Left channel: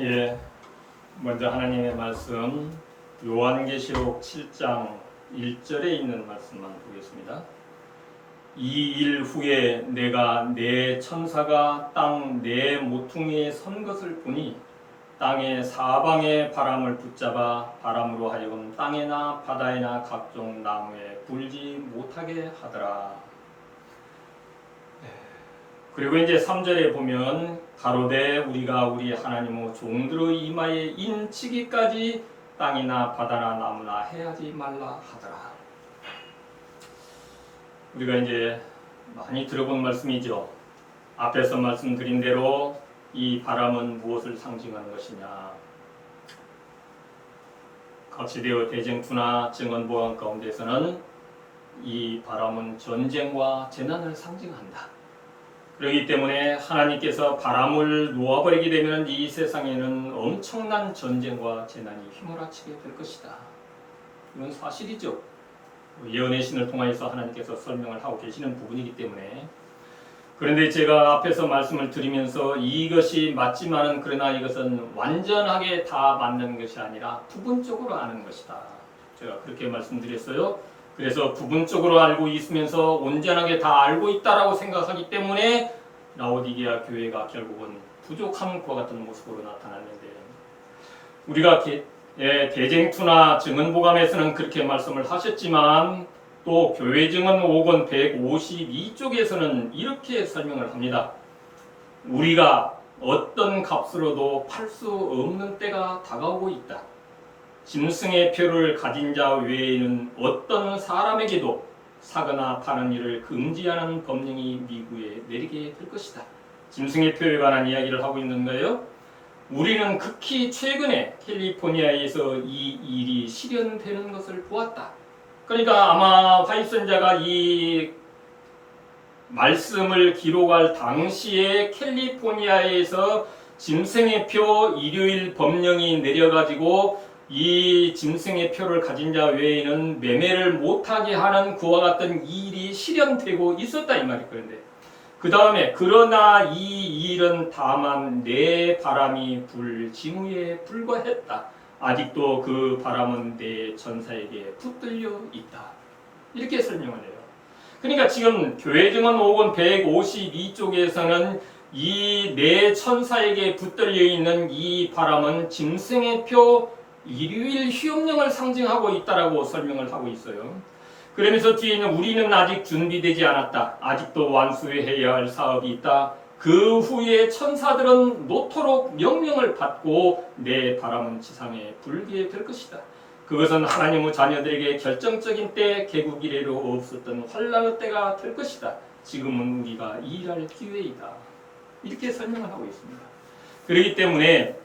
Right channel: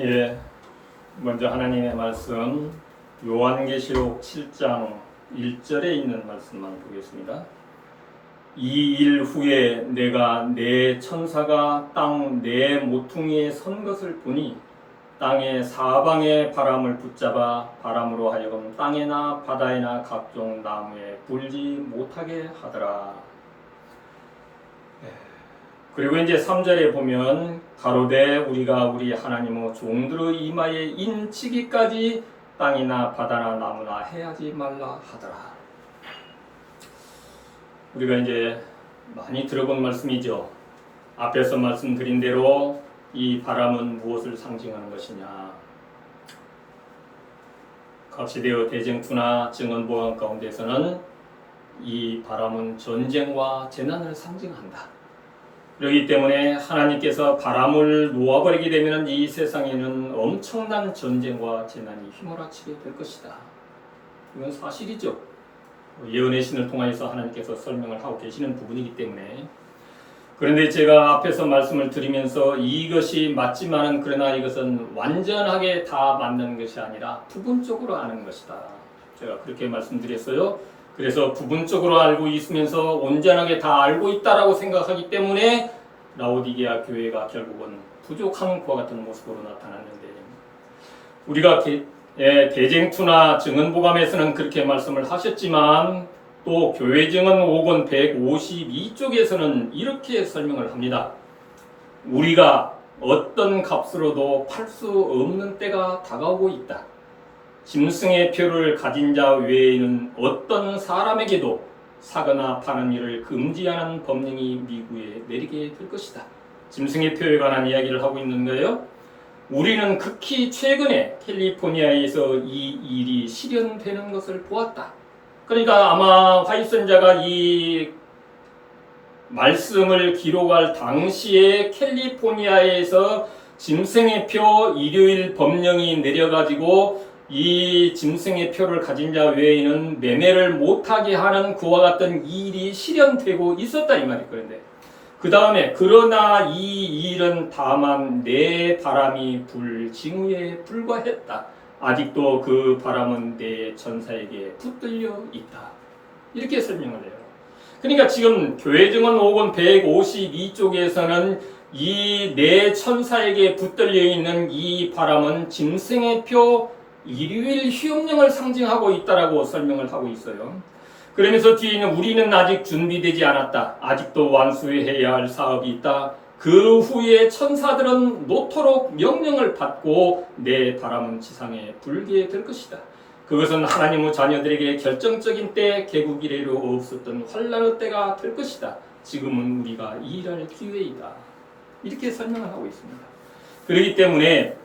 예, 먼저 하나님의 말씀 요한계시록 7장 1절에 있는 말씀만 보겠습니다. 이 일 후에 내가 내 천사가 땅 네 모퉁이에 선 것을 보니 땅의 사방의 바람을 붙잡아 바람으로 하여금 땅에나 바다에나 각종 나무에 불지 못하게 하더라. 그리고 이제 3절에 보면 가로되 우리가 우리 하나님의 종들의 이마에 인치기까지 땅이나 바다나 나무나 해하지 말라 하더라. 우리가 이제 많이 들어본 말씀이죠. 앞에서 말씀드린 대로 이 바람은 무엇을 상징하는 것이냐. 거치되어 대쟁투나 증언보감 가운데서는 이 바람은 전쟁과 재난을 상징한다. 그렇기 때문에 하나님께서 바람을 놓아버리게 되면 이 세상에는 엄청난 전쟁과 재난이 휘몰아치게 될 것이다. 이건 사실이죠. 예언의 신을 통해서 하나님께서 설명을 하고 계시는 부분이기 때문에. 그런데 제가 앞에서 말씀을 드리면서 이것이 맞지만은 그러나 이것은 완전하게 다 맞는 것이 아니라 부분적으로 아는 것이다. 제가 그렇게 말씀드렸어요. 그래서 부분적으로 알고 있으면서 온전하게 다 알고 있다라고 생각하기 때문에 라오디게아 교회가 결국은 부족한 것과 같은 모습으로 나타났는데, 우리가 대쟁투나 증언보감에서는 그렇게 말씀을 하셨지만 또 교회증언 5권 152쪽에서는 이렇게 설명을 합니다. 우리가 어떤 값으로도 팔 수 없는 때가 다가오고 있다. 짐승의 표를 가진 자 외에는 어떤 사람에게도 사거나 파는 일을 금지하는 법령이 미국에 내리게 될 것이다. 짐승의 표에 관한 이야기를 하고 있는 거예요. 우리는 극히 최근에 캘리포니아에서 이 일이 실현되는 것을 보았다. 그러니까 아마 화이선자가 이 말씀을 기록할 당시에 캘리포니아에서 짐승의 표 일요일 법령이 내려가지고 이 짐승의 표를 가진 자 외에는 매매를 못하게 하는 그와 같은 일이 실현되고 있었다 이 말이. 그런데 그 다음에 그러나 이 일은 다만 내 바람이 불 징후에 불과했다. 아직도 그 바람은 내 전사에게 붙들려 있다. 이렇게 설명을 해요. 그러니까 지금 교회증언 5권 152쪽에서는 이 내 천사에게 붙들려 있는 이 바람은 짐승의 표 일요일 휴업령을 상징하고 있다라고 설명을 하고 있어요. 그러면서 뒤에는 우리는 아직 준비되지 않았다. 아직도 완수해야 할 사업이 있다. 그 후에 천사들은 노토록 명령을 받고 내 바람은 지상에 불게 될 것이다. 그것은 하나님의 자녀들에게 결정적인 때, 개국 이래로 없었던 환란의 때가 될 것이다. 지금은 우리가 일할 기회이다. 이렇게 설명을 하고 있습니다. 그렇기 때문에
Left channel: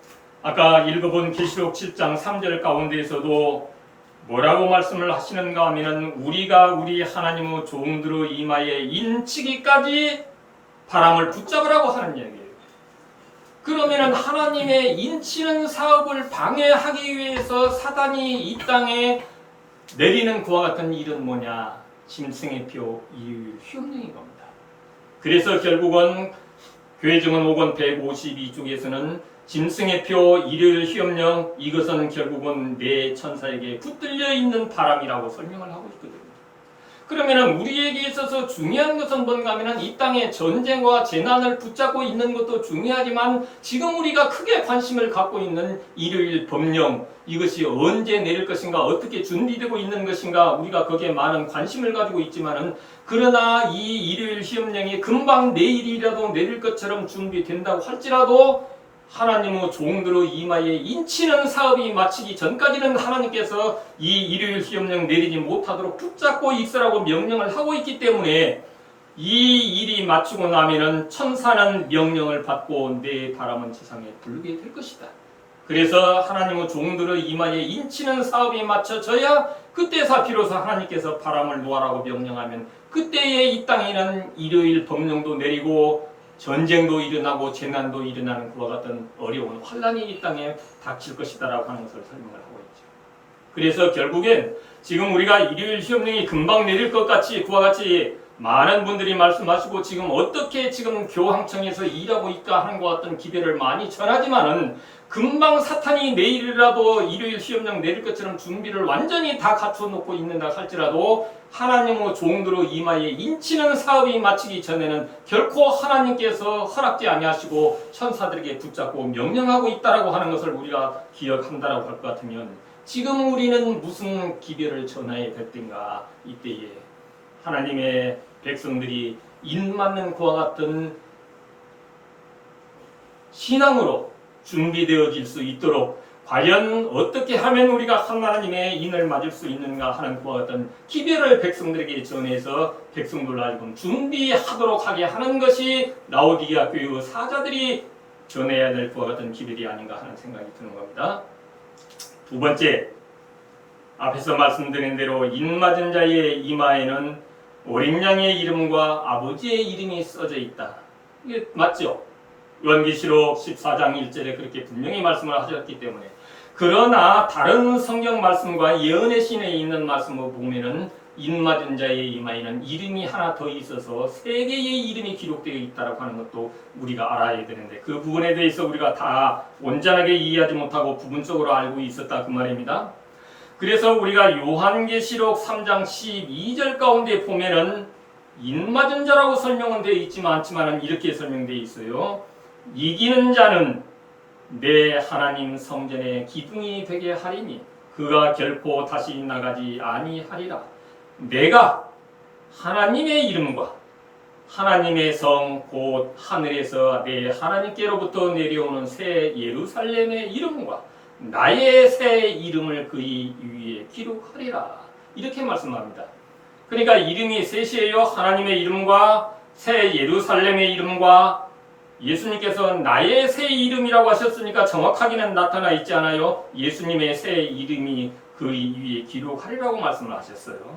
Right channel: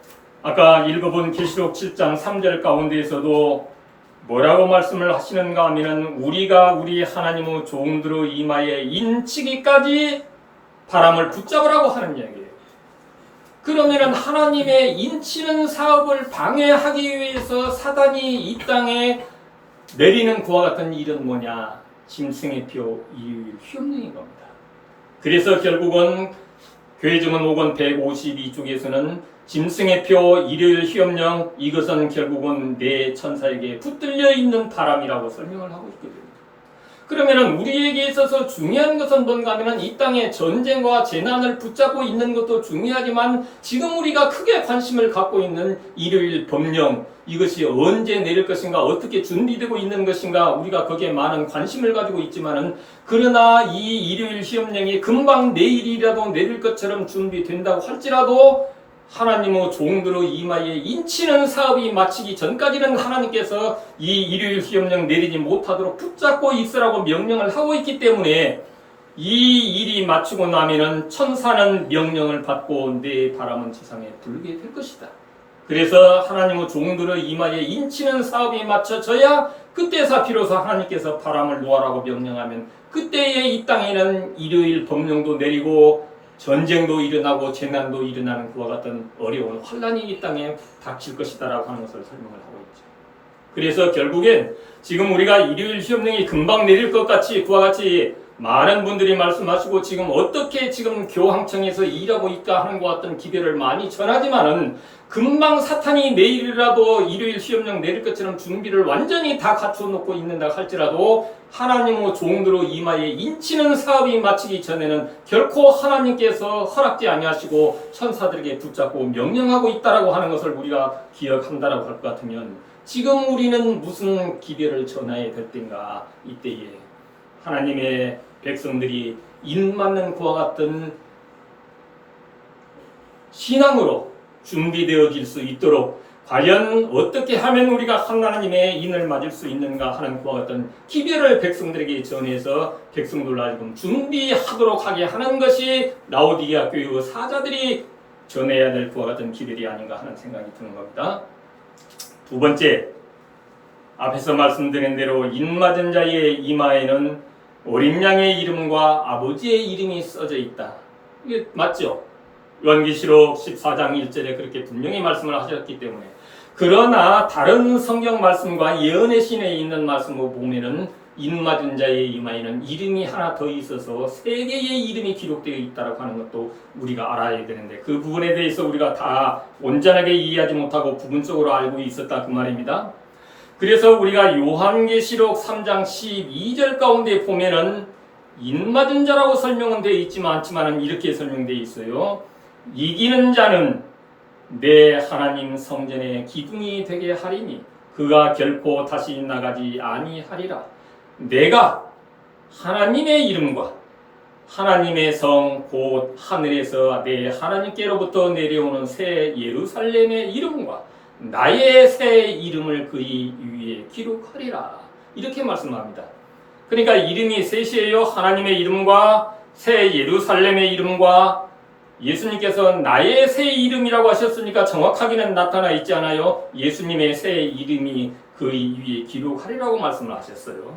아까 읽어본 계시록 7장 3절 가운데에서도 뭐라고 말씀을 하시는가 하면 우리가 우리 하나님의 종들의 이마에 인치기까지 바람을 붙잡으라고 하는 이야기예요. 그러면 하나님의 인치는 사업을 방해하기 위해서 사단이 이 땅에 내리는 그와 같은 일은 뭐냐? 짐승의 표 일요일 휴업령인 겁니다. 그래서 결국은 교회증언 5권 152쪽에서는 짐승의 표 일요일 휴업령, 이것은 결국은 내 천사에게 붙들려 있는 바람이라고 설명을 하고 있거든요. 그러면 우리에게 있어서 중요한 것은 뭔가 하면 이 땅에 전쟁과 재난을 붙잡고 있는 것도 중요하지만 지금 우리가 크게 관심을 갖고 있는 일요일 법령, 이것이 언제 내릴 것인가, 어떻게 준비되고 있는 것인가, 우리가 거기에 많은 관심을 가지고 있지만은 그러나 이 일요일 휴업령이 금방 내일이라도 내릴 것처럼 준비된다고 할지라도 하나님의 종들의 이마에 인치는 사업이 마치기 전까지는 하나님께서 이 일요일 휴업령 내리지 못하도록 붙잡고 있으라고 명령을 하고 있기 때문에 이 일이 마치고 나면은 천사는 명령을 받고 내 바람은 지상에 불게 될 것이다. 그래서 하나님의 종들의 이마에 인치는 사업이 마쳐져야 그때서 비로소 하나님께서 바람을 놓아라고 명령하면 그때에 이 땅에는 일요일 법령도 내리고 전쟁도 일어나고 재난도 일어나는 그와 같은 어려운 환란이 이 땅에 닥칠 것이다라고 하는 것을 설명을 하고 있죠. 그래서 결국엔 지금 우리가 일요일 휴업령이 금방 내릴 것 같이 그와 같이 많은 분들이 말씀하시고 지금 어떻게 지금 교황청에서 일하고 있다 하는 것 같은 기별을 많이 전하지만은 금방 사탄이 내일이라도 일요일 시험령 내릴 것처럼 준비를 완전히 다 갖춰놓고 있는다 할지라도 하나님의 종들의 이마에 인치는 사업이 마치기 전에는 결코 하나님께서 허락지 아니하시고 천사들에게 붙잡고 명령하고 있다라고 하는 것을 우리가 기억한다라고 할 것 같으면 지금 우리는 무슨 기별을 전해야 될 텐가. 이때에 하나님의 백성들이 인맞는 그와 같은 신앙으로 준비되어질 수 있도록 과연 어떻게 하면 우리가 하나님의 인을 맞을 수 있는가 하는 그와 같은 기별을 백성들에게 전해서 백성들 하여금 준비하도록 하게 하는 것이 라오디게아 교회의 사자들이 전해야 될 그와 같은 기별이 아닌가 하는 생각이 드는 겁니다. 두 번째, 앞에서 말씀드린 대로 인맞은 자의 이마에는 어린 양의 이름과 아버지의 이름이 써져 있다. 이게 맞죠? 요한계시록 14장 1절에 그렇게 분명히 말씀을 하셨기 때문에. 그러나 다른 성경 말씀과 예언의 신에 있는 말씀을 보면은 인맞은 자의 이마에는 이름이 하나 더 있어서 세 개의 이름이 기록되어 있다고 하는 것도 우리가 알아야 되는데 그 부분에 대해서 우리가 다 온전하게 이해하지 못하고 부분적으로 알고 있었다 그 말입니다. 그래서 우리가 요한계시록 3장 12절 가운데 보면은 인맞은 자라고 설명은 되어 있지만 않지만은 이렇게 설명되어 있어요. 이기는 자는 내 하나님 성전의 기둥이 되게 하리니 그가 결코 다시 나가지 아니하리라. 내가 하나님의 이름과 하나님의 성 곧 하늘에서 내 하나님께로부터 내려오는 새 예루살렘의 이름과 나의 새 이름을 그리 위에 기록하리라. 이렇게 말씀합니다. 그러니까 이름이 셋이에요. 하나님의 이름과 새 예루살렘의 이름과 예수님께서 나의 새 이름이라고 하셨으니까 정확하게는 나타나 있지 않아요. 예수님의 새 이름이 그리 위에 기록하리라고 말씀을 하셨어요.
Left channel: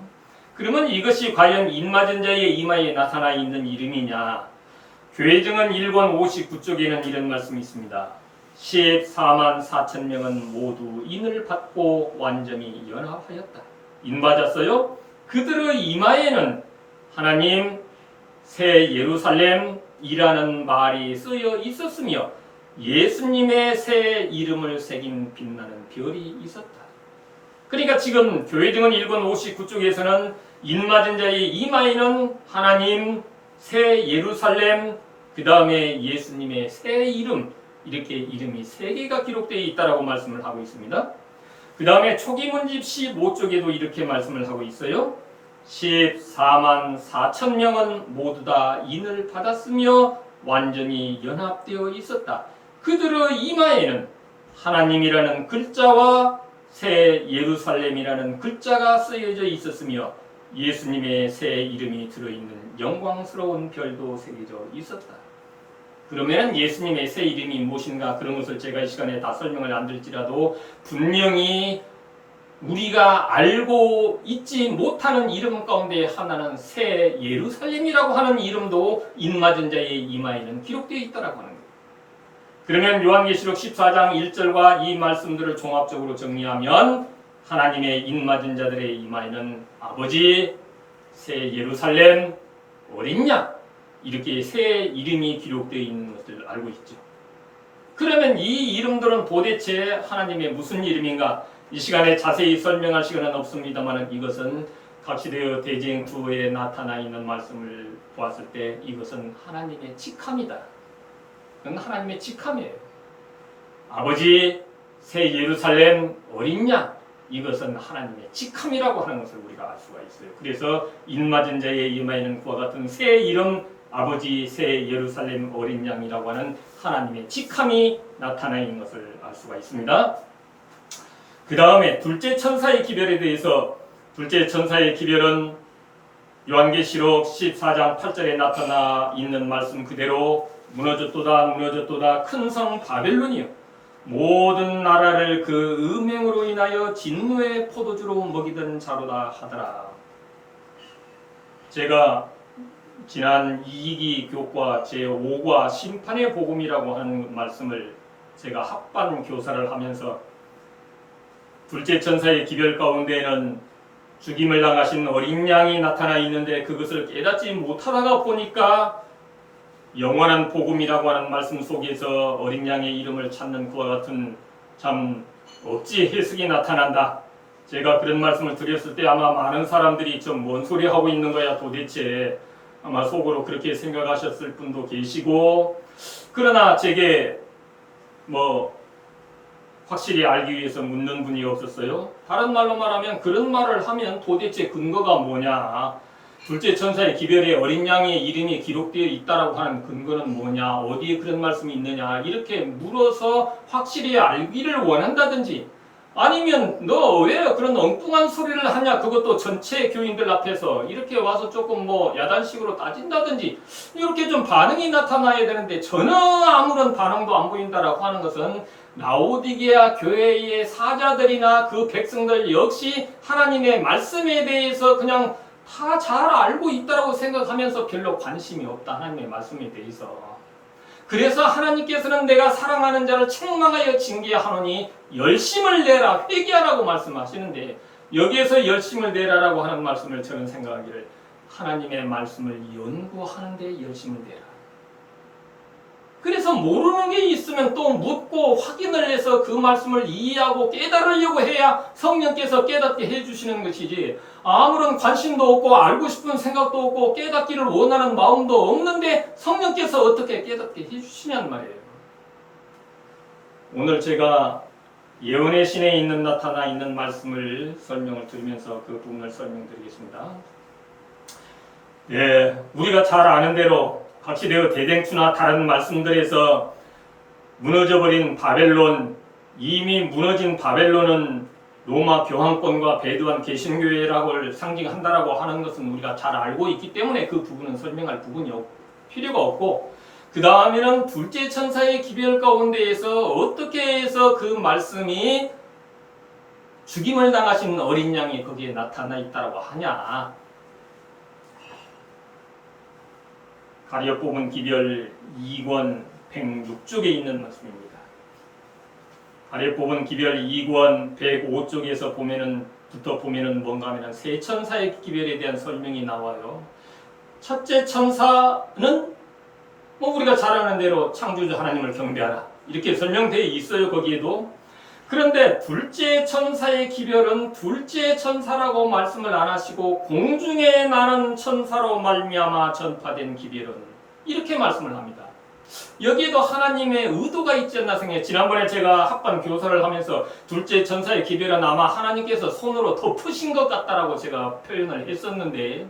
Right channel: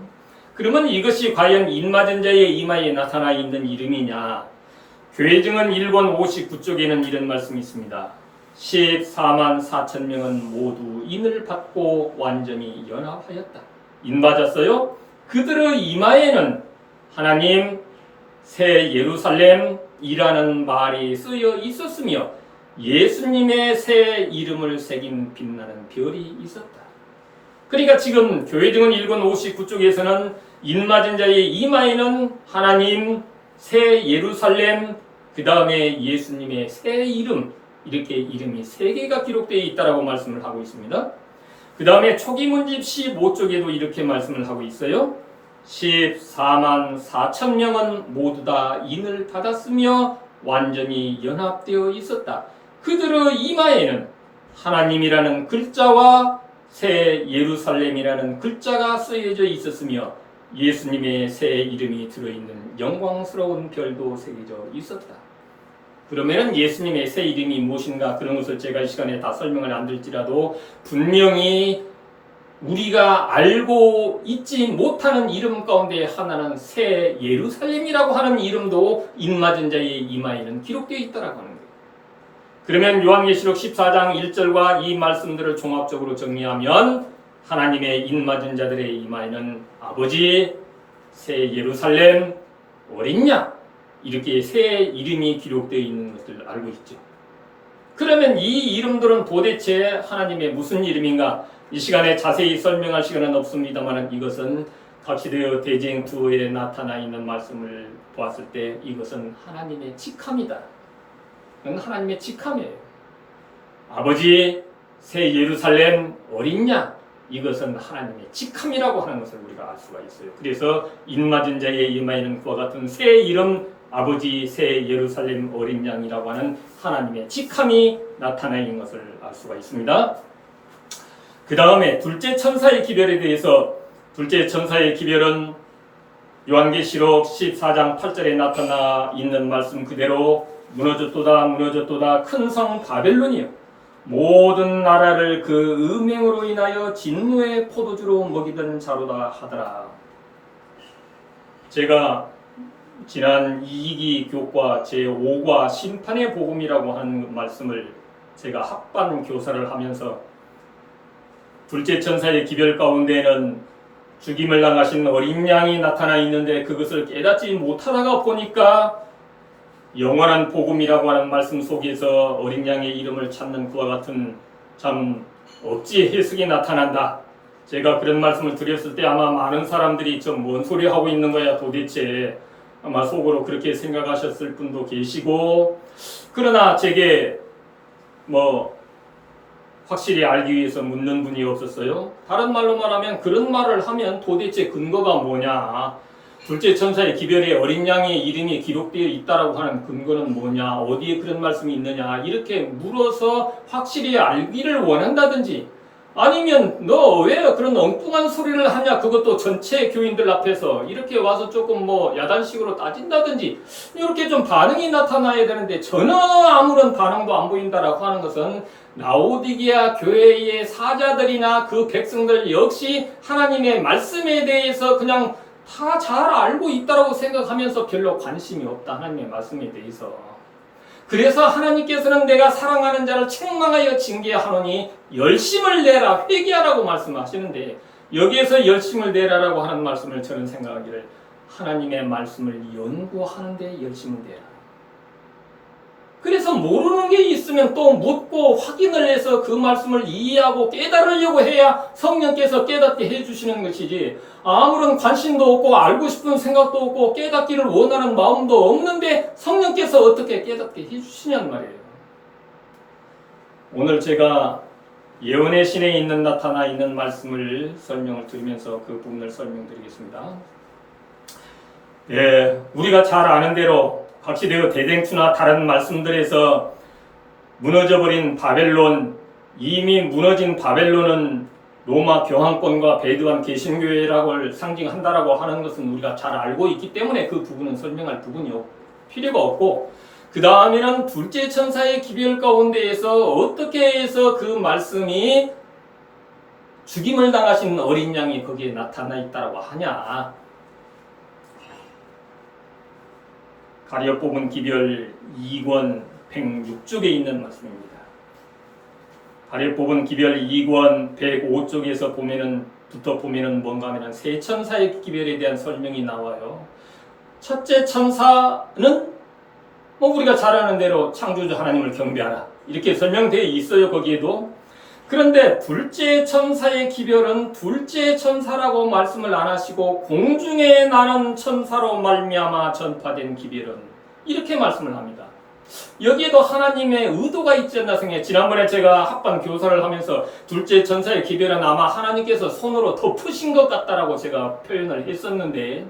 그러면 이것이 과연 인맞은 자의 이마에 나타나 있는 이름이냐? 교회증은 1권 59쪽에는 이런 말씀이 있습니다. 14만 4천 명은 모두 인을 받고 완전히 연합하였다. 인받았어요? 그들의 이마에는 하나님 새 예루살렘이라는 말이 쓰여 있었으며 예수님의 새 이름을 새긴 빛나는 별이 있었다. 그러니까 지금 교회증은 1권 59쪽에서는 인맞은 자의 이마에는 하나님 새 예루살렘 그 다음에 예수님의 새 이름 이렇게 이름이 세 개가 기록되어 있다라고 말씀을 하고 있습니다. 그 다음에 초기문집 15쪽에도 이렇게 말씀을 하고 있어요. 14만 4천 명은 모두 다 인을 받았으며 완전히 연합되어 있었다. 그들의 이마에는 하나님이라는 글자와 새 예루살렘이라는 글자가 쓰여져 있었으며 예수님의 새 이름이 들어있는 영광스러운 별도 새겨져 있었다. 그러면 예수님의 새 이름이 무엇인가 그런 것을 제가 이 시간에 다 설명을 안 드릴지라도 분명히 우리가 알고 있지 못하는 이름 가운데 하나는 새 예루살렘이라고 하는 이름도 인맞은 자의 이마에는 기록되어 있다라고 하는 거예요. 그러면 요한계시록 14장 1절과 이 말씀들을 종합적으로 정리하면 하나님의 인맞은 자들의 이마에는 아버지, 새 예루살렘, 어린 양 이렇게 새 이름이 기록되어 있는 것을 알고 있죠. 그러면 이 이름들은 도대체 하나님의 무슨 이름인가? 이 시간에 자세히 설명할 시간은 없습니다만 이것은 각시대의 대쟁투어에 나타나 있는 말씀을 보았을 때 이것은 하나님의 직함이다. 그건 하나님의 직함이에요. 아버지, 새 예루살렘, 어린 양 이것은 하나님의 직함이라고 하는 것을 우리가 알 수가 있어요. 그래서 인맞은 자의 이마에는 그와 같은 새 이름 아버지 새 예루살렘 어린 양이라고 하는 하나님의 직함이 나타나 있는 것을 알 수가 있습니다. 그 다음에 둘째 천사의 기별에 대해서 둘째 천사의 기별은 요한계시록 14장 8절에 나타나 있는 말씀 그대로 무너졌도다 무너졌도다 큰 성 바벨론이여 모든 나라를 그 음행으로 인하여 진노의 포도주로 먹이던 자로다 하더라. 제가 지난 2기 교과 제5과 심판의 복음이라고 하는 말씀을 제가 합반 교사를 하면서 둘째 천사의 기별 가운데는 죽임을 당하신 어린 양이 나타나 있는데 그것을 깨닫지 못하다가 보니까 영원한 복음이라고 하는 말씀 속에서 어린 양의 이름을 찾는 그와 같은 참 억지 해석이 나타난다. 제가 그런 말씀을 드렸을 때 아마 많은 사람들이 좀 뭔 소리 하고 있는 거야 도대체, 아마 속으로 그렇게 생각하셨을 분도 계시고, 그러나 제게 확실히 알기 위해서 묻는 분이 없었어요. 다른 말로 말하면 그런 말을 하면 도대체 근거가 뭐냐, 둘째 천사의 기별에 어린 양의 이름이 기록되어 있다라고 하는 근거는 뭐냐, 어디에 그런 말씀이 있느냐, 이렇게 물어서 확실히 알기를 원한다든지, 아니면 너 왜 그런 엉뚱한 소리를 하냐, 그것도 전체 교인들 앞에서 이렇게 와서 조금 야단식으로 따진다든지, 이렇게 좀 반응이 나타나야 되는데 전혀 아무런 반응도 안 보인다라고 하는 것은 라오디게아 교회의 사자들이나 그 백성들 역시 하나님의 말씀에 대해서 그냥 다 잘 알고 있다라고 생각하면서 별로 관심이 없다, 하나님의 말씀에 대해서. 그래서 하나님께서는 내가 사랑하는 자를 책망하여 징계하노니 열심을 내라, 회개하라고 말씀하시는데, 여기에서 열심을 내라라고 하는 말씀을 저는 생각하기를 하나님의 말씀을 연구하는데 열심을 내라. 그래서 모르는 게 있으면 또 묻고 확인을 해서 그 말씀을 이해하고 깨달으려고 해야 성령께서 깨닫게 해주시는 것이지, 아무런 관심도 없고 알고 싶은 생각도 없고 깨닫기를 원하는 마음도 없는데 성령께서 어떻게 깨닫게 해주시냔 말이에요. 오늘 제가 예언의 신에 나타나 있는 말씀을 설명을 드리면서 그 부분을 설명드리겠습니다. 우리가 잘 아는 대로 각시되어 대댕투나 다른 말씀들에서 무너져버린 바벨론, 이미 무너진 바벨론은 로마 교황권과 배두한 개신교회라고 상징한다라고 하는 것은 우리가 잘 알고 있기 때문에 그 부분은 설명할 부분이 필요가 없고, 그 다음에는 둘째 천사의 기별 가운데에서 어떻게 해서 그 말씀이 죽임을 당하신 어린 양이 거기에 나타나 있다라고 하냐. 가려 뽑은 기별 2권 106쪽에 있는 말씀입니다. 가려 뽑은 기별 2권 105쪽에서 보면은 뭔가 하면 세 천사의 기별에 대한 설명이 나와요. 첫째 천사는 우리가 잘 아는 대로 창조주 하나님을 경배하라, 이렇게 설명되어 있어요, 거기에도. 그런데 둘째 천사의 기별은 둘째 천사라고 말씀을 안 하시고 공중에 나는 천사로 말미암아 전파된 기별은, 이렇게 말씀을 합니다. 여기에도 하나님의 의도가 있지 않나 생각해요. 지난번에 제가 합반 교사를 하면서 둘째 천사의 기별은 아마 하나님께서 손으로 덮으신 것 같다라고 제가 표현을 했었는데,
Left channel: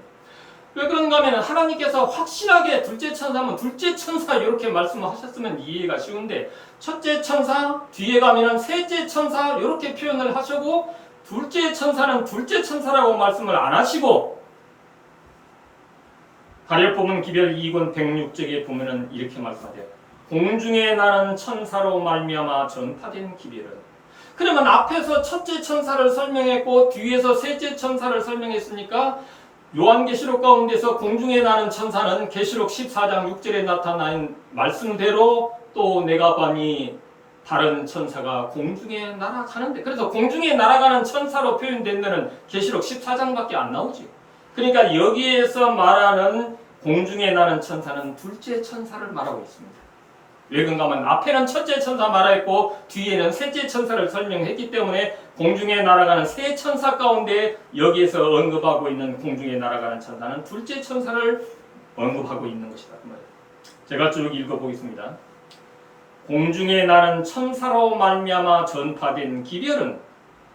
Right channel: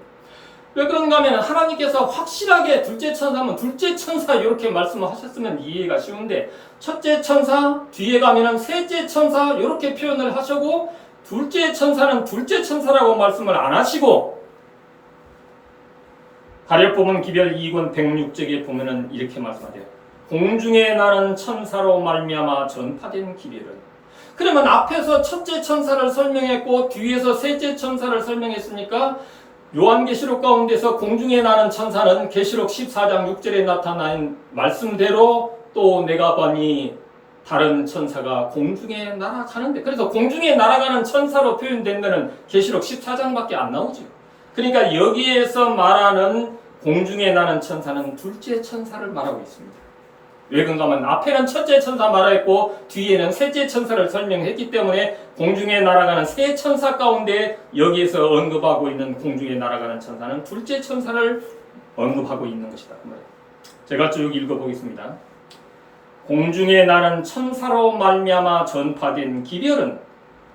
왜 그런가 하면 하나님께서 확실하게 둘째 천사면 둘째 천사 이렇게 말씀을 하셨으면 이해가 쉬운데, 첫째 천사, 뒤에 가면은 셋째 천사 이렇게 표현을 하시고, 둘째 천사는 둘째 천사라고 말씀을 안 하시고, 가려 뽑은 기별 2권 106쪽에 보면은 이렇게 말씀하세요. 공중에 나는 천사로 말미암아 전파된 기별은. 그러면 앞에서 첫째 천사를 설명했고 뒤에서 셋째 천사를 설명했으니까 요한계시록 가운데서 공중에 나는 천사는 계시록 14장 6절에 나타난 말씀대로 또 내가 보니 다른 천사가 공중에 날아가는데, 그래서 공중에 날아가는 천사로 표현된 것은 계시록 14장밖에 안 나오죠. 그러니까 여기에서 말하는 공중에 나는 천사는 둘째 천사를 말하고 있습니다. 왜 그런가 하면 앞에는 첫째 천사 말했고 뒤에는 셋째 천사를 설명했기 때문에 공중에 날아가는 세 천사 가운데 여기에서 언급하고 있는 공중에 날아가는 천사는 둘째 천사를 언급하고 있는 것이다, 그 말이에요. 제가 쭉 읽어보겠습니다. 공중에 나는 천사로 말미암아 전파된 기별은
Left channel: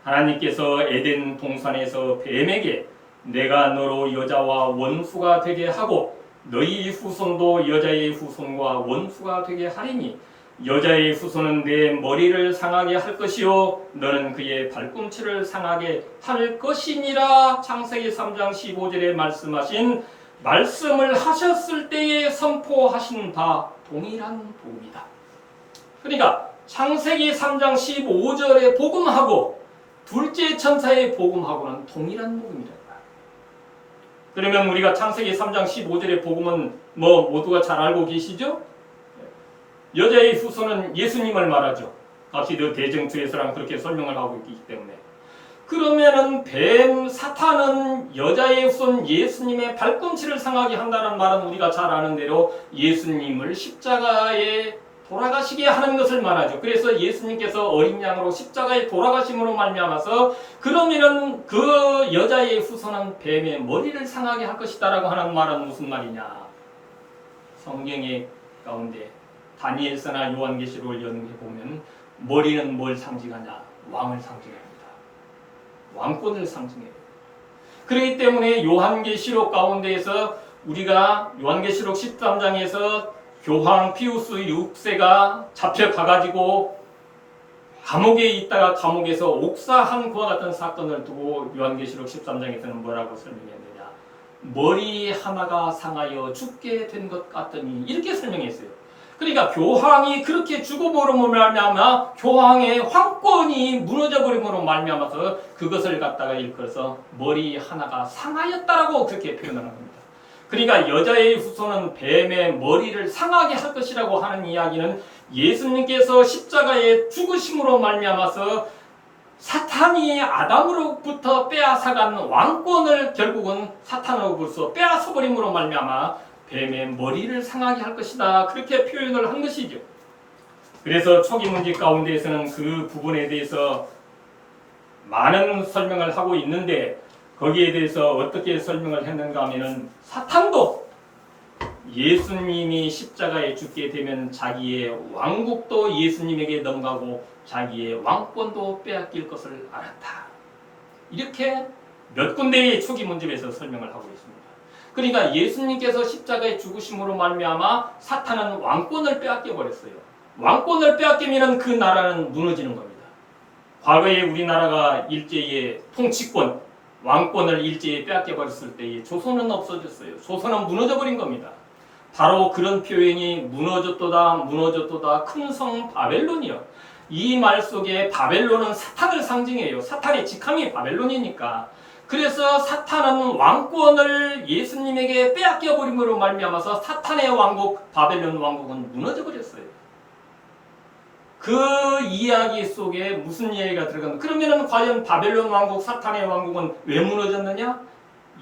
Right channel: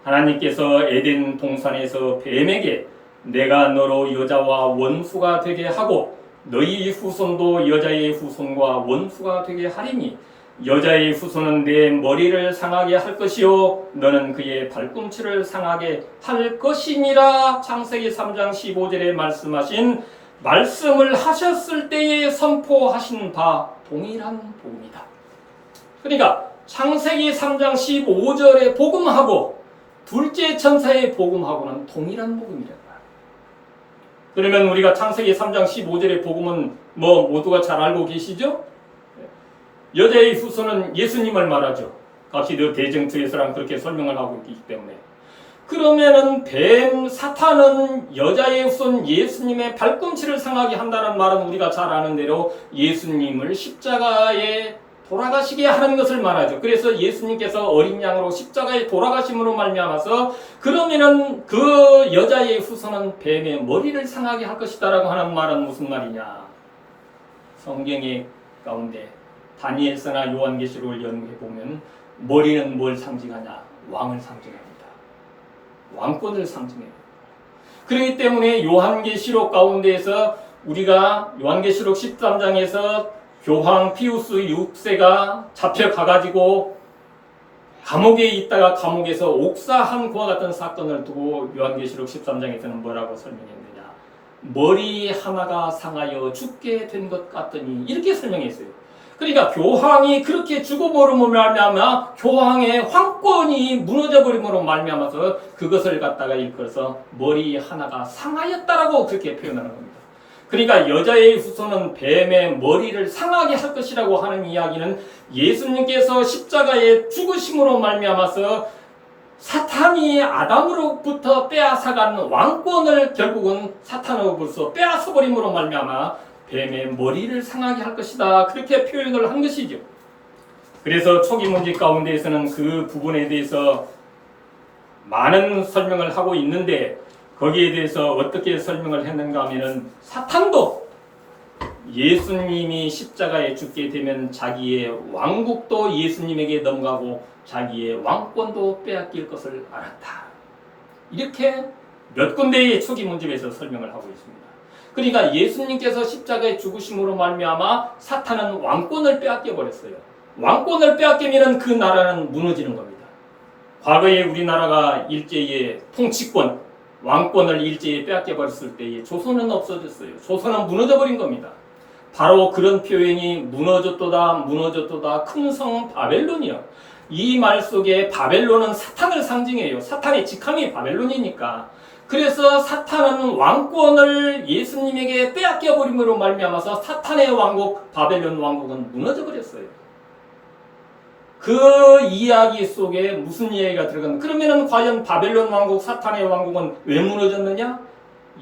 하나님께서 에덴 동산에서 뱀에게 내가 너로 여자와 원수가 되게 하고 너희 후손도 여자의 후손과 원수가 되게 하리니 여자의 후손은 내 머리를 상하게 할 것이요 너는 그의 발꿈치를 상하게 할 것이니라. 창세기 3장 15절에 말씀하신 말씀을 하셨을 때에 선포하신 바 동일한 복음이다. 그러니까 창세기 3장 15절의 복음하고 둘째 천사의 복음하고는 동일한 복음이다. 그러면 우리가 창세기 3장 15절의 복음은 모두가 잘 알고 계시죠? 여자의 후손은 예수님을 말하죠. 각시드 대정투에서랑 그렇게 설명을 하고 있기 때문에. 그러면은 뱀 사탄은 여자의 후손 예수님의 발꿈치를 상하게 한다는 말은 우리가 잘 아는 대로 예수님을 십자가에 돌아가시게 하는 것을 말하죠. 그래서 예수님께서 어린 양으로 십자가에 돌아가심으로 말미암아서 그러면은 그 여자의 후손은 뱀의 머리를 상하게 할 것이다라고 하는 말은 무슨 말이냐? 성경의 가운데 다니엘서나 요한계시록을 연구해 보면 머리는 뭘 상징하냐? 왕을 상징합니다. 왕권을 상징해요. 그렇기 때문에 요한계시록 가운데에서 우리가 요한계시록 13장에서 교황 피우스 6세가 잡혀가가지고 감옥에 있다가 감옥에서 옥사한 그와 같은 사건을 두고 요한계시록 13장에서는 뭐라고 설명했느냐? 머리 하나가 상하여 죽게 된 것 같더니 이렇게 설명했어요. 그러니까 교황이 그렇게 죽어버림으로 말미암아 교황의 황권이 무너져버림으로 말미암아서 그것을 갖다가 일컬어서 머리 하나가 상하였다라고 그렇게 표현하는 겁니다. 그러니까 여자의 후손은 뱀의 머리를 상하게 할 것이라고 하는 이야기는 예수님께서 십자가에 죽으심으로 말미암아서 사탄이 아담으로부터 빼앗아간 왕권을 결국은 사탄으로부터 빼앗아버림으로 말미암아 뱀의 머리를 상하게 할 것이다. 그렇게 표현을 한 것이죠. 그래서 초기 문제 가운데에서는 그 부분에 대해서 많은 설명을 하고 있는데 거기에 대해서 어떻게 설명을 했는가 하면은 사탄도 예수님이 십자가에 죽게 되면 자기의 왕국도 예수님에게 넘어가고 자기의 왕권도 빼앗길 것을 알았다. 이렇게 몇 군데의 초기 문집에서 설명을 하고 있습니다. 그러니까 예수님께서 십자가에 죽으심으로 말미암아 사탄은 왕권을 빼앗겨 버렸어요. 왕권을 빼앗기면 그 나라는 무너지는 겁니다. 과거에 우리나라가 일제의 통치권, 왕권을 일제에 빼앗겨 버렸을 때에 조선은 없어졌어요. 조선은 무너져 버린 겁니다. 바로 그런 표현이 무너졌도다 큰 성 바벨론이요. 이 말 속에 바벨론은 사탄을 상징해요. 사탄의 직함이 바벨론이니까. 그래서 사탄은 왕권을 예수님에게 빼앗겨 버림으로 말미암아서 사탄의 왕국 바벨론 왕국은 무너져 버렸어요. 그 이야기 속에 무슨 이야기가 들어갔나? 그러면은 과연 바벨론 왕국, 사탄의 왕국은 왜 무너졌느냐?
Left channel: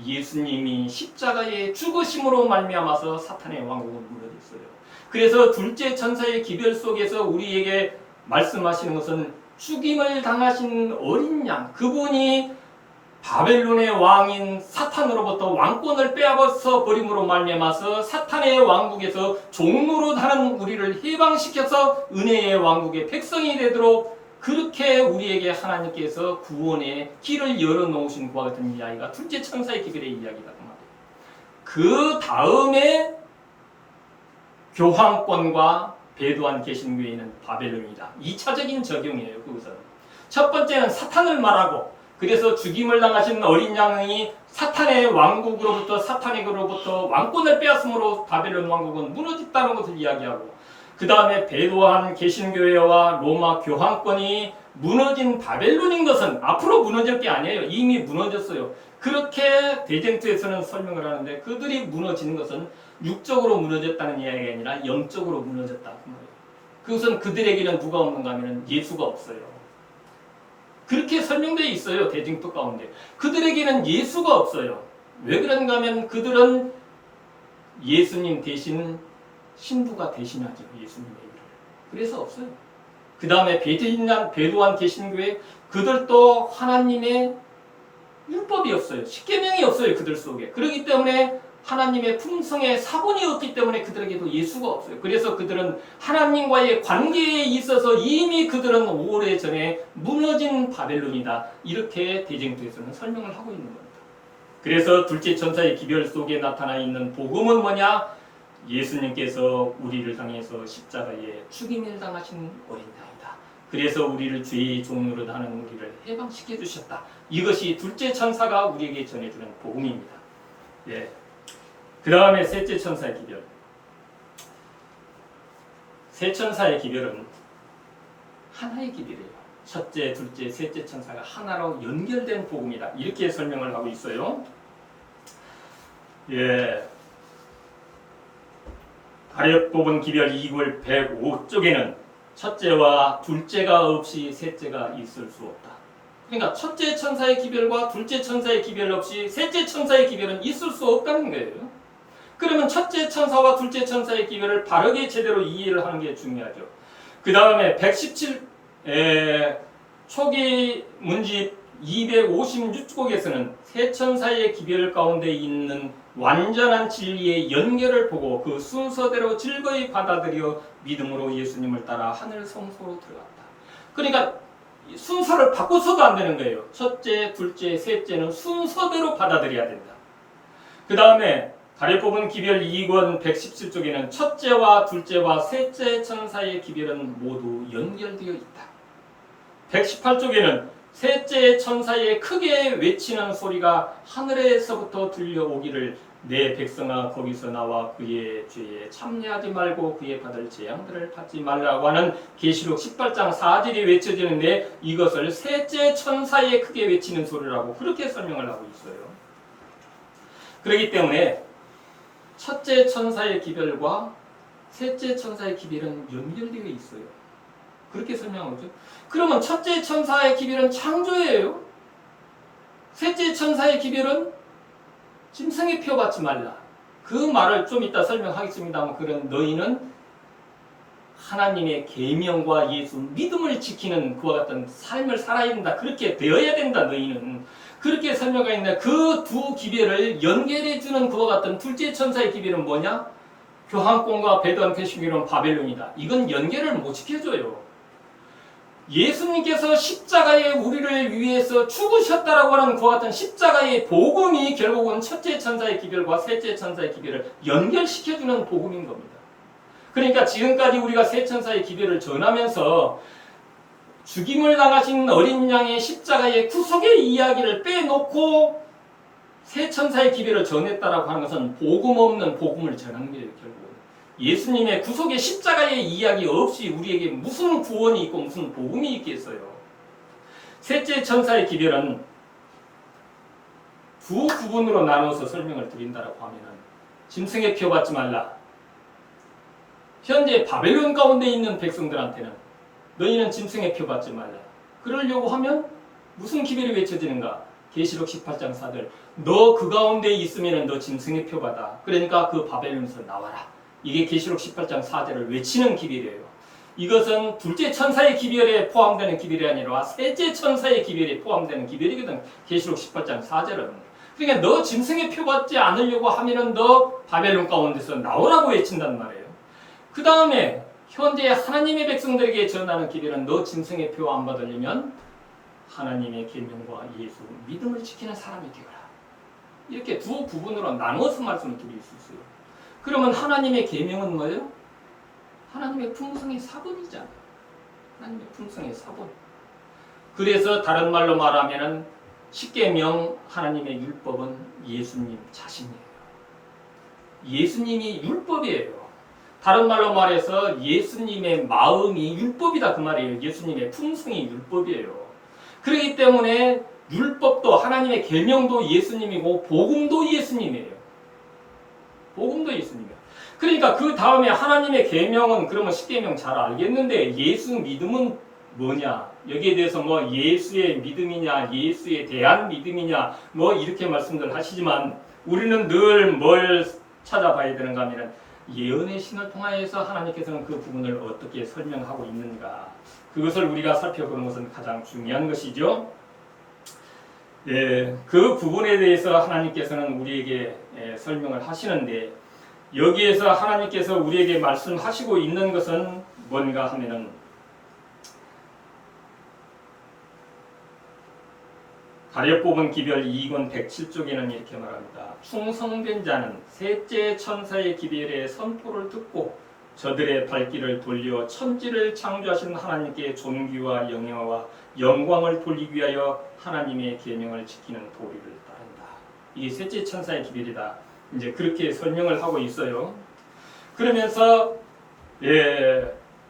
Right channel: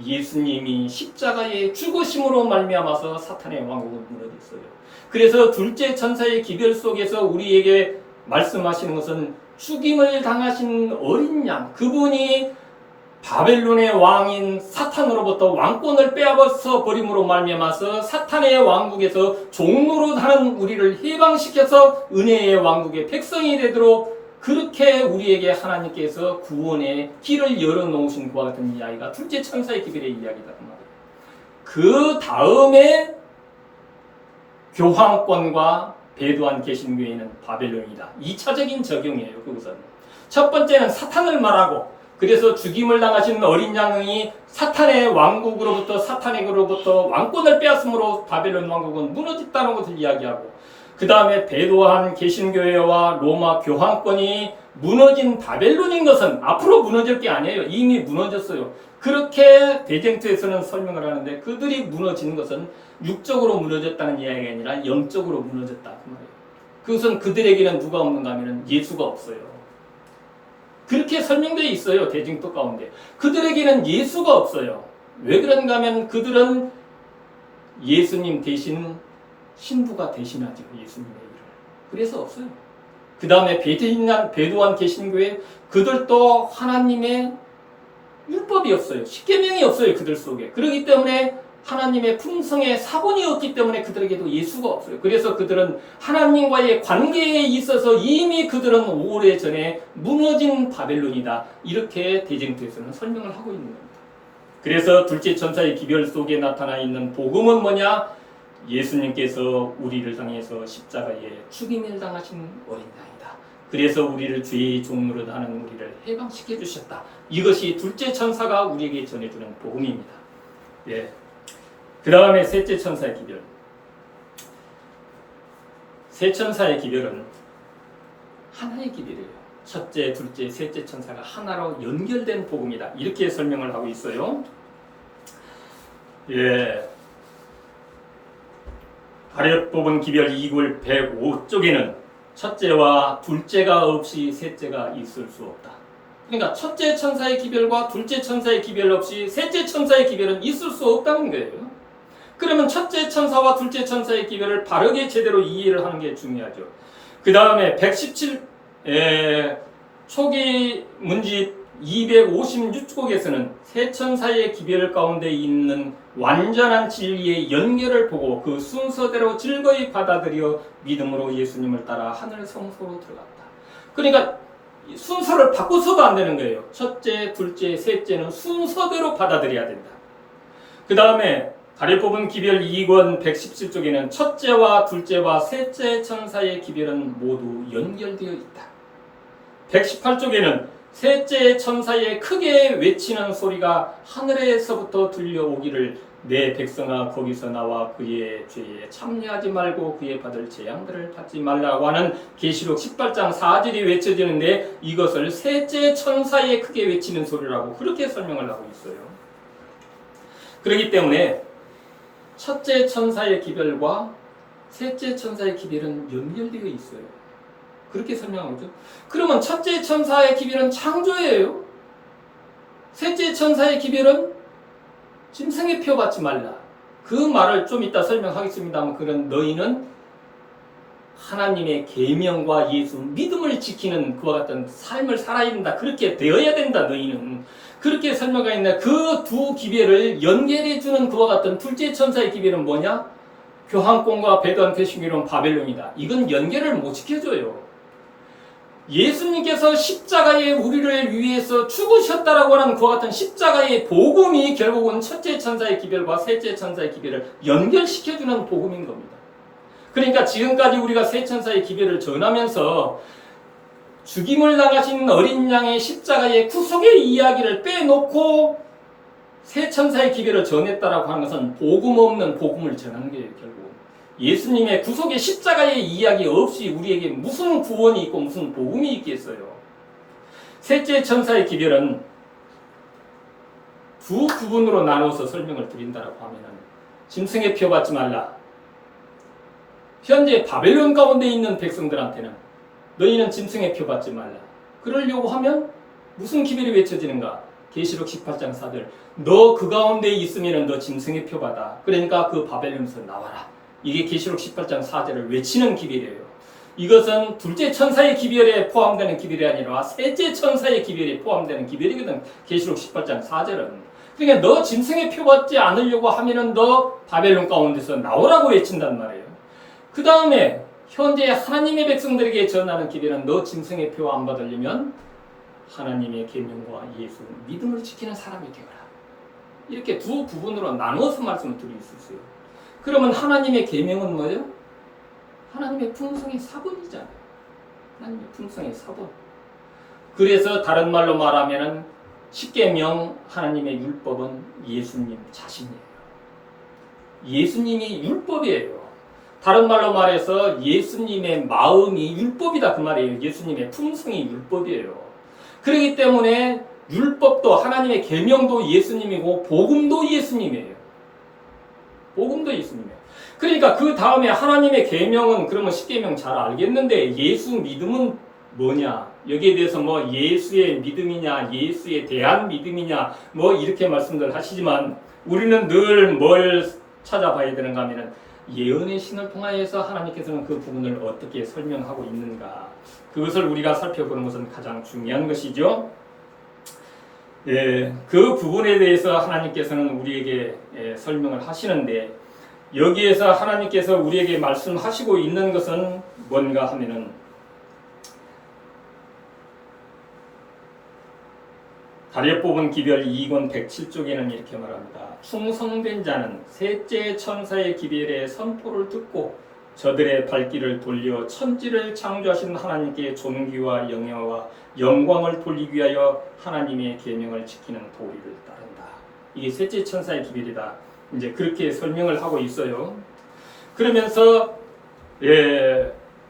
예수님이 십자가에 죽으심으로 말미암아서 사탄의 왕국은 무너졌어요. 그래서 둘째 천사의 기별 속에서 우리에게 말씀하시는 것은 죽임을 당하신 어린 양, 그분이 바벨론의 왕인 사탄으로부터 왕권을 빼앗아 버림으로 말미암아서 사탄의 왕국에서 종로로 하는 우리를 해방시켜서 은혜의 왕국의 백성이 되도록 그렇게 우리에게 하나님께서 구원의 길을 열어놓으신 그와 같은 이야기가 둘째 천사의 기별의 이야기다. 그 다음에 교황권과 배도한 개신교회는 바벨론이다. 2차적인 적용이에요. 그것은 첫 번째는 사탄을 말하고 그래서 죽임을 당하신 어린 양이 사탄의 왕국으로부터 사탄에게로부터 왕권을 빼앗음으로 바벨론 왕국은 무너졌다는 것을 이야기하고 그 다음에 배도한 개신교회와 로마 교황권이 무너진 바벨론인 것은 앞으로 무너질 게 아니에요. 이미 무너졌어요. 그렇게 대쟁투에서는 설명을 하는데 그들이 무너진 것은 육적으로 무너졌다는 이야기가 아니라 영적으로 무너졌다 그 말이에요. 그것은 그들에게는 누가 없는가 하면 예수가 없어요. 그렇게 설명되어 있어요. 대징토 가운데. 그들에게는 예수가 없어요. 왜 그런가 하면 그들은 예수님 대신 신부가 대신하죠. 예수님의 일을. 그래서 없어요. 그 다음에 배도한 개신교회 그들도 하나님의 율법이 없어요. 십계명이 없어요. 그들 속에. 그렇기 때문에 하나님의 품성의 사본이 없기 때문에 그들에게도 예수가 없어요. 그래서 그들은 하나님과의 관계에 있어서 이미 그들은 오래전에 무너진 바벨론이다. 이렇게 대쟁투에서는 설명을 하고 있는 겁니다. 그래서 둘째 천사의 기별 속에 나타나 있는 복음은 뭐냐? 예수님께서 우리를 향해서 십자가에 죽임을 당하신 어린 양이다. 그래서 우리를 죄의 종로로 하는 우리를 해방시켜 주셨다. 이것이 둘째 천사가 우리에게 전해주는 복음입니다. 예. 그 다음에 셋째 천사의 기별. 세 천사의 기별은 하나의 기별이에요. 첫째, 둘째, 셋째 천사가 하나로 연결된 복음이다. 이렇게 설명을 하고 있어요. 예. 가려 뽑은 기별 2굴 105쪽에는 첫째와 둘째가 없이 셋째가 있을 수 없다. 그러니까 첫째 천사의 기별과 둘째 천사의 기별 없이 셋째 천사의 기별은 있을 수 없다는 거예요. 그러면 첫째 천사와 둘째 천사의 기별을 바르게 제대로 이해를 하는 게 중요하죠. 그 다음에 117 초기 문집 256곡에서는 세 천사의 기별 가운데 있는 완전한 진리의 연결을 보고 그 순서대로 즐거이 받아들여 믿음으로 예수님을 따라 하늘 성소로 들어갔다. 그러니까 순서를 바꿔서도 안 되는 거예요. 첫째, 둘째, 셋째는 순서대로 받아들여야 된다. 그 다음에 가려뽑은 기별 2권 117쪽에는 첫째와 둘째와 셋째 천사의 기별은 모두 연결되어 있다. 118쪽에는 셋째 천사의 크게 외치는 소리가 하늘에서부터 들려오기를 내 백성아 거기서 나와 그의 죄에 참여하지 말고 그의 받을 재앙들을 받지 말라고 하는 계시록 18장 4절이 외쳐지는데 이것을 셋째 천사의 크게 외치는 소리라고 그렇게 설명을 하고 있어요. 그렇기 때문에 첫째 천사의 기별과 셋째 천사의 기별은 연결되어 있어요. 그렇게 설명하고 있죠. 그러면 첫째 천사의 기별은 창조예요. 셋째 천사의 기별은 짐승의 표 받지 말라. 그 말을 좀 이따 설명하겠습니다만 그런 너희는 하나님의 계명과 예수 믿음을 지키는 그와 같은 삶을 살아야 된다. 그렇게 되어야 된다. 너희는 그렇게 설명하고 있는데 그 두 기별을 연결해주는 그와 같은 둘째 천사의 기별은 뭐냐? 교황권과 배도한 개신교는 바벨론이다. 이건 연결을 못 지켜줘요. 예수님께서 십자가에 우리를 위해서 죽으셨다라고 하는 그와 같은 십자가의 복음이 결국은 첫째 천사의 기별과 셋째 천사의 기별을 연결시켜주는 복음인 겁니다. 그러니까 지금까지 우리가 세 천사의 기별을 전하면서 죽임을 당하신 어린 양의 십자가의 구속의 이야기를 빼놓고 세 천사의 기별을 전했다라고 하는 것은 복음 없는 복음을 전한 거예요. 결국 예수님의 구속의 십자가의 이야기 없이 우리에게 무슨 구원이 있고 무슨 복음이 있겠어요. 셋째 천사의 기별은 두 부분으로 나누어서 설명을 드린다라고 하면은 짐승의 표 받지 말라. 현재 바벨론 가운데 있는 백성들한테는 너희는 짐승의 표 받지 말라. 그러려고 하면 무슨 기별이 외쳐지는가? 계시록 18장 4절 너 그 가운데 있으면 너 짐승의 표 받아. 그러니까 그 바벨론에서 나와라. 이게 계시록 18장 4절을 외치는 기별이에요. 이것은 둘째 천사의 기별에 포함되는 기별이 아니라 셋째 천사의 기별에 포함되는 기별이거든. 계시록 18장 4절은. 그러니까 너 짐승의 표 받지 않으려고 하면은 너 바벨론 가운데서 나오라고 외친단 말이에요. 그 다음에 현재 하나님의 백성들에게 전하는 기별은 너 짐승의 표 안 받으려면 하나님의 계명과 예수 믿음을 지키는 사람이 되어라. 이렇게 두 부분으로 나눠서 말씀을 드릴 수 있어요. 그러면 하나님의 계명은 뭐예요? 하나님의 품성의 사본이잖아요. 하나님의 품성의 사본. 그래서 다른 말로 말하면은 십계명 하나님의 율법은 예수님 자신이에요. 예수님이 율법이에요. 다른 말로 말해서 예수님의 마음이 율법이다 그 말이에요. 예수님의 품성이 율법이에요. 그렇기 때문에 율법도 하나님의 계명도 예수님이고 복음도 예수님이에요. 복음도 예수님이에요. 그러니까 그 다음에 하나님의 계명은 그러면 십계명 잘 알겠는데 예수 믿음은 뭐냐? 여기에 대해서 뭐 예수의 믿음이냐, 예수에 대한 믿음이냐, 뭐 이렇게 말씀들 하시지만 우리는 늘 뭘 찾아봐야 되는가 하면은 예언의 신을 통하여서 하나님께서는 그 부분을 어떻게 설명하고 있는가 그것을 우리가 살펴보는 것은 가장 중요한 것이죠. 그 부분에 대해서 하나님께서는 우리에게 설명을 하시는데 여기에서 하나님께서 우리에게 말씀하시고 있는 것은 뭔가 하면은 가려 뽑은 기별 2권 107쪽에는 이렇게 말합니다. 충성된 자는 셋째 천사의 기별의 선포를 듣고 저들의 발길을 돌려 천지를 창조하신 하나님께 존귀와 영예와 영광을 돌리기 위하여 하나님의 계명을 지키는 도리를 따른다. 이게 셋째 천사의 기별이다. 이제 그렇게 설명을 하고 있어요. 그러면서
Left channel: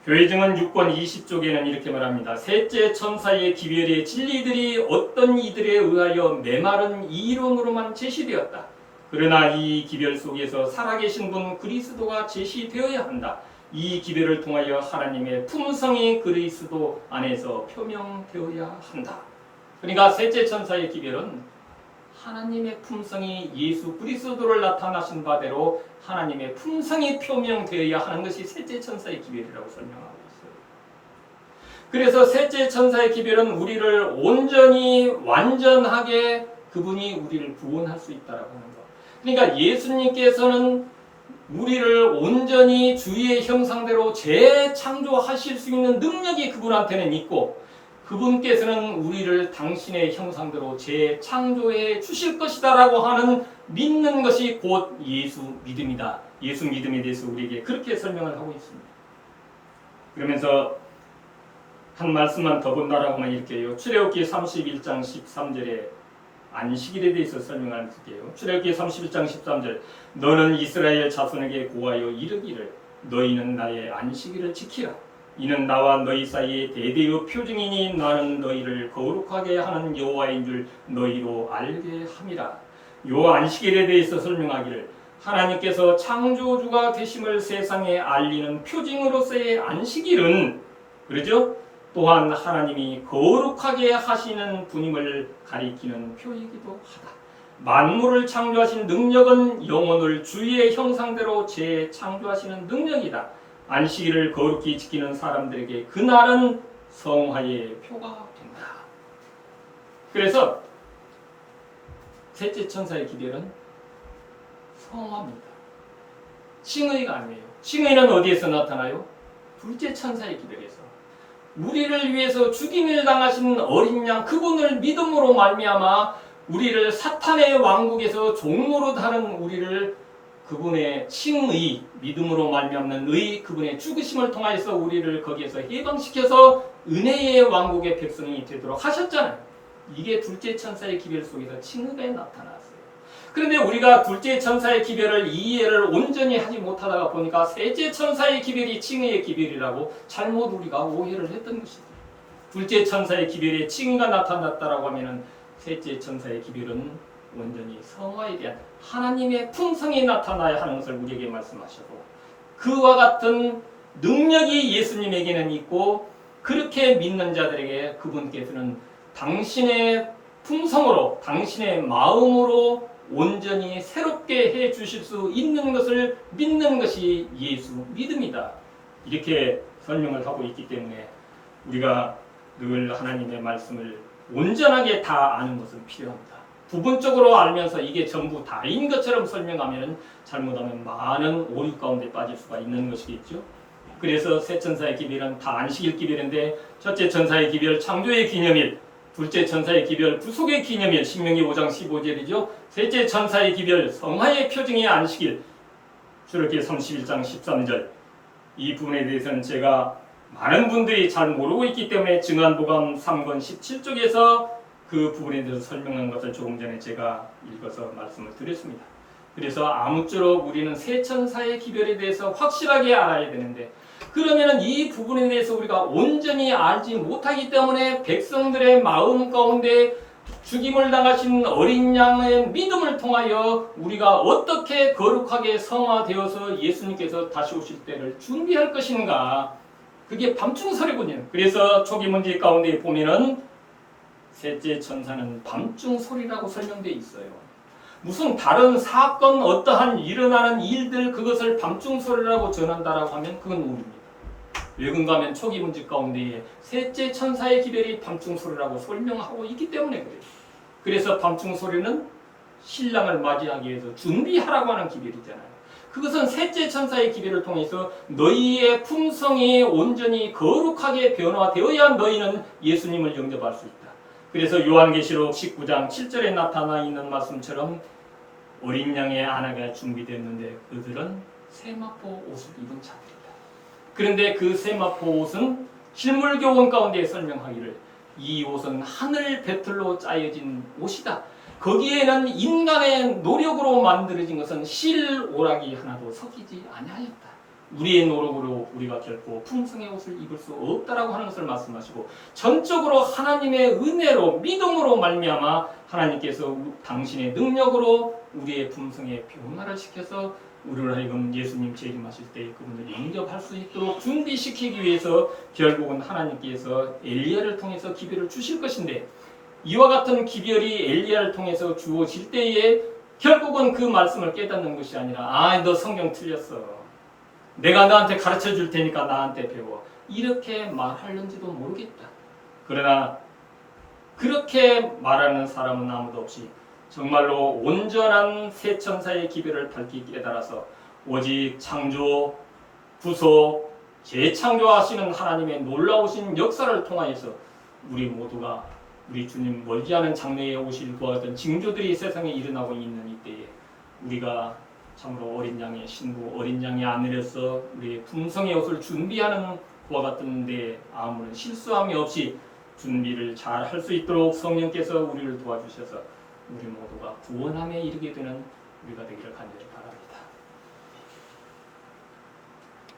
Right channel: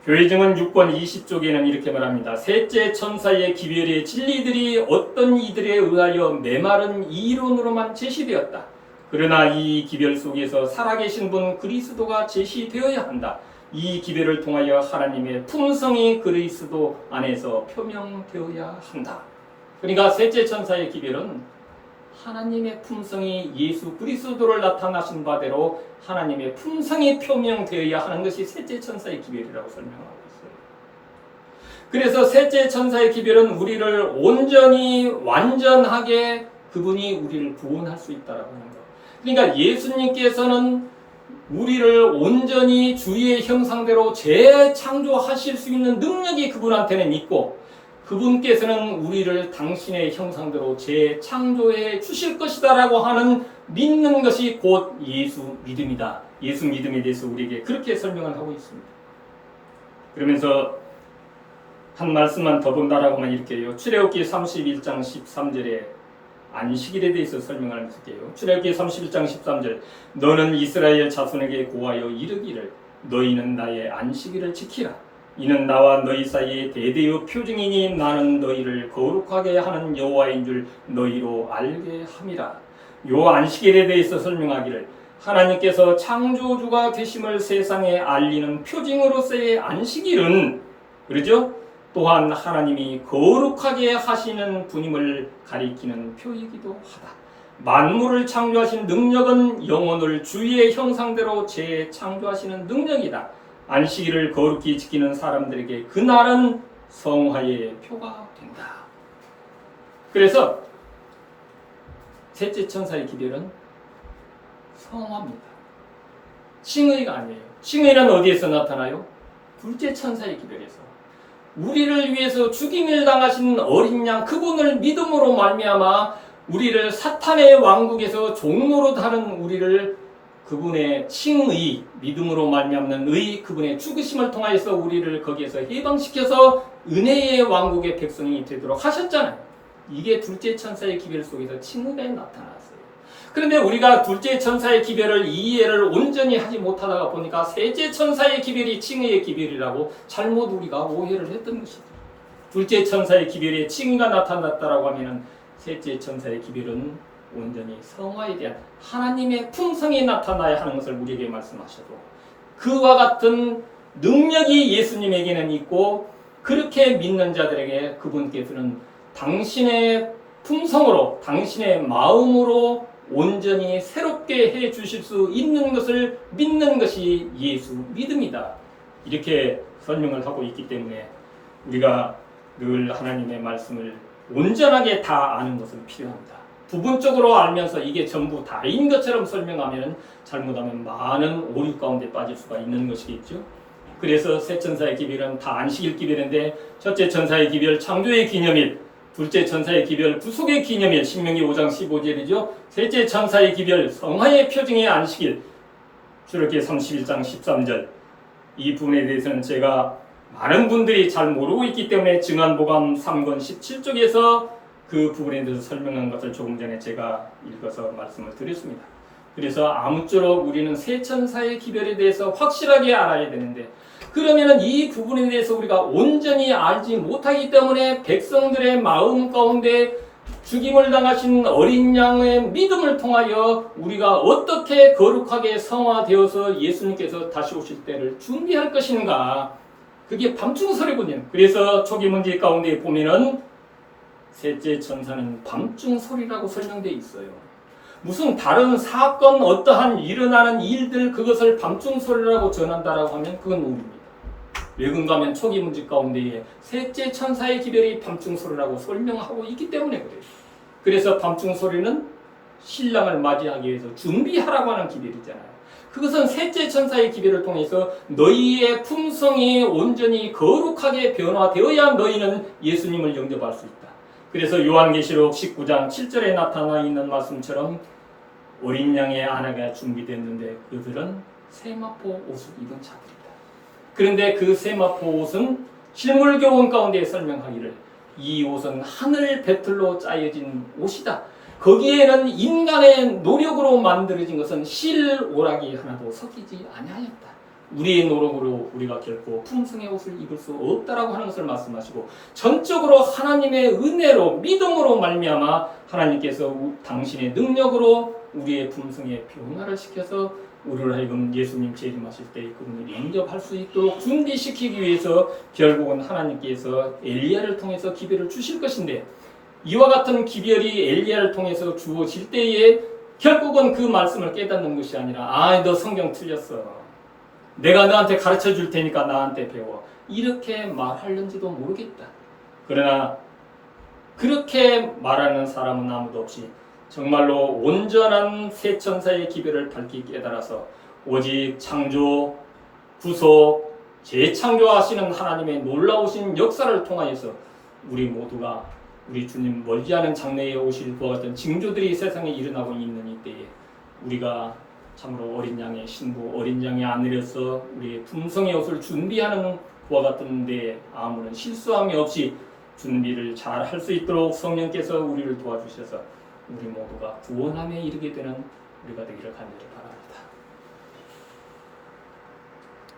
교회증언 6권 20쪽에는 이렇게 말합니다. 셋째 천사의 기별의 진리들이 어떤 이들에 의하여 메마른 이론으로만 제시되었다. 그러나 이 기별 속에서 살아계신 분 그리스도가 제시되어야 한다. 이 기별을 통하여 하나님의 품성이 그리스도 안에서 표명되어야 한다. 그러니까 셋째 천사의 기별은 하나님의 품성이 예수 그리스도를 나타나신 바대로 하나님의 품성이 표명되어야 하는 것이 셋째 천사의 기별이라고 설명하고 있어요. 그래서 셋째 천사의 기별은 우리를 온전히 완전하게 그분이 우리를 구원할 수 있다라고 하는 것. 그러니까 예수님께서는 우리를 온전히 주의 형상대로 재창조하실 수 있는 능력이 그분한테는 있고 그분께서는 우리를 당신의 형상대로 재창조해 주실 것이다라고 하는 믿는 것이 곧 예수 믿음이다. 예수 믿음에 대해서 우리에게 그렇게 설명을 하고 있습니다. 그러면서 한 말씀만 더 본다라고만 이렇게 해요. 출애굽기 31장 13절에 안식일에 대해서 설명을 할게요. 출애굽기 31장 13절 너는 이스라엘 자손에게 고하여 이르기를 너희는 나의 안식일을 지키라. 이는 나와 너희 사이에 대대의 표징이니 나는 너희를 거룩하게 하는 여호와인 줄 너희로 알게 함이라. 요 안식일에 대해서 설명하기를 하나님께서 창조주가 되심을 세상에 알리는 표징으로서의 안식일은 그러죠? 또한 하나님이 거룩하게 하시는 분임을 가리키는 표이기도 하다. 만물을 창조하신 능력은 영혼을 주의 형상대로 재창조하시는 능력이다. 안식일을 거룩히 지키는 사람들에게 그날은 성화의 표가 된다. 그래서 셋째 천사의 기별은 성화입니다. 칭의가 아니에요. 칭의는 어디에서 나타나요? 둘째 천사의 기별에서. 우리를 위해서 죽임을 당하신 어린 양 그분을 믿음으로 말미암아 우리를 사탄의 왕국에서 종노릇 하는 우리를 그분의 칭의, 믿음으로 말미암는 의, 그분의 죽으심을 통하여서 우리를 거기에서 해방시켜서 은혜의 왕국의 백성이 되도록 하셨잖아요. 이게 둘째 천사의 기별 속에서 칭의가 나타났어요. 그런데 우리가 둘째 천사의 기별을 이해를 온전히 하지 못하다가 보니까 셋째 천사의 기별이 칭의의 기별이라고 잘못 우리가 오해를 했던 것이죠. 둘째 천사의 기별에 칭의가 나타났다라고 하면은 셋째 천사의 기별은 온전히 성화에 대한 하나님의 품성이 나타나야 하는 것을 우리에게 말씀하셔도 그와 같은 능력이 예수님에게는 있고 그렇게 믿는 자들에게 그분께서는 당신의 품성으로 당신의 마음으로 온전히 새롭게 해 주실 수 있는 것을 믿는 것이 예수 믿음이다. 이렇게 설명을 하고 있기 때문에 우리가 늘 하나님의 말씀을 온전하게 다 아는 것은 필요합니다. 부분적으로 알면서 이게 전부 다인 것처럼 설명하면 잘못하면 많은 오류 가운데 빠질 수가 있는 것이겠죠. 그래서 세 천사의 기별은 다 안식일 기별인데 첫째 천사의 기별 창조의 기념일, 둘째 천사의 기별 구속의 기념일 신명기 5장 15절이죠. 셋째 천사의 기별 성화의 표징의 안식일 출애굽기 31장 13절. 이 부분에 대해서는 제가 많은 분들이 잘 모르고 있기 때문에 증안보감 3권 17쪽에서 그 부분에 대해서 설명한 것을 조금 전에 제가 읽어서 말씀을 드렸습니다. 그래서 아무쪼록 우리는 세 천사의 기별에 대해서 확실하게 알아야 되는데 그러면은 이 부분에 대해서 우리가 온전히 알지 못하기 때문에 백성들의 마음 가운데 죽임을 당하신 어린 양의 믿음을 통하여 우리가 어떻게 거룩하게 성화되어서 예수님께서 다시 오실 때를 준비할 것인가, 그게 밤중설이군요. 그래서 초기 문제 가운데 보면은 셋째 천사는 밤중설이라고 설명되어 있어요. 무슨 다른 사건, 어떠한 일어나는 일들 그것을 밤중설이라고 전한다라고 하면 그건 오류입니다. 왜 그런가 하면 초기 문제 가운데에 셋째 천사의 기별이 밤중설이라고 설명하고 있기 때문에 그래요. 그래서 밤중설이는 신랑을 맞이하기 위해서 준비하라고 하는 기별이잖아요. 그것은 셋째 천사의 기별을 통해서 너희의 품성이 온전히 거룩하게 변화되어야 너희는 예수님을 영접할 수 있다. 그래서 요한계시록 19장 7절에 나타나 있는 말씀처럼 어린 양의 아내가 준비됐는데 그들은 세마포 옷을 입은 자들이다. 그런데 그 세마포 옷은 실물교훈 가운데 설명하기를 이 옷은 하늘 배틀로 짜여진 옷이다. 거기에는 인간의 노력으로 만들어진 것은 실 오락이 하나도 섞이지 아니하였다. 우리의 노력으로 우리가 결코 품성의 옷을 입을 수 없다라고 하는 것을 말씀하시고 전적으로 하나님의 은혜로 믿음으로 말미암아 하나님께서 당신의 능력으로 우리의 품성의 변화를 시켜서 우리를 하여금 예수님 재림하실 때 그분을 영접할 수 있도록 준비시키기 위해서 결국은 하나님께서 엘리야를 통해서 기별을 주실 것인데 이와 같은 기별이 엘리야를 통해서 주어질 때에 결국은 그 말씀을 깨닫는 것이 아니라 너 성경 틀렸어. 내가 너한테 가르쳐 줄 테니까 나한테 배워. 이렇게 말하는지도 모르겠다. 그러나 그렇게 말하는 사람은 아무도 없이 정말로 온전한 새 천사의 기별을 밝히 깨달아서 오직 창조, 구속, 재창조하시는 하나님의 놀라우신 역사를 통하여서 우리 모두가 우리 주님 멀지 않은 장래에 오실 그와 같은 징조들이 세상에 일어나고 있는 이때에 우리가 참으로 어린 양의 신부, 어린 양의 아내로서 우리의 품성의 옷을 준비하는 그와 같은 데에 아무런 실수함이 없이 준비를 잘 할 수 있도록 성령께서 우리를 도와주셔서 우리 모두가 구원함에 이르게 되는 우리가 되기를 간절히 바랍니다.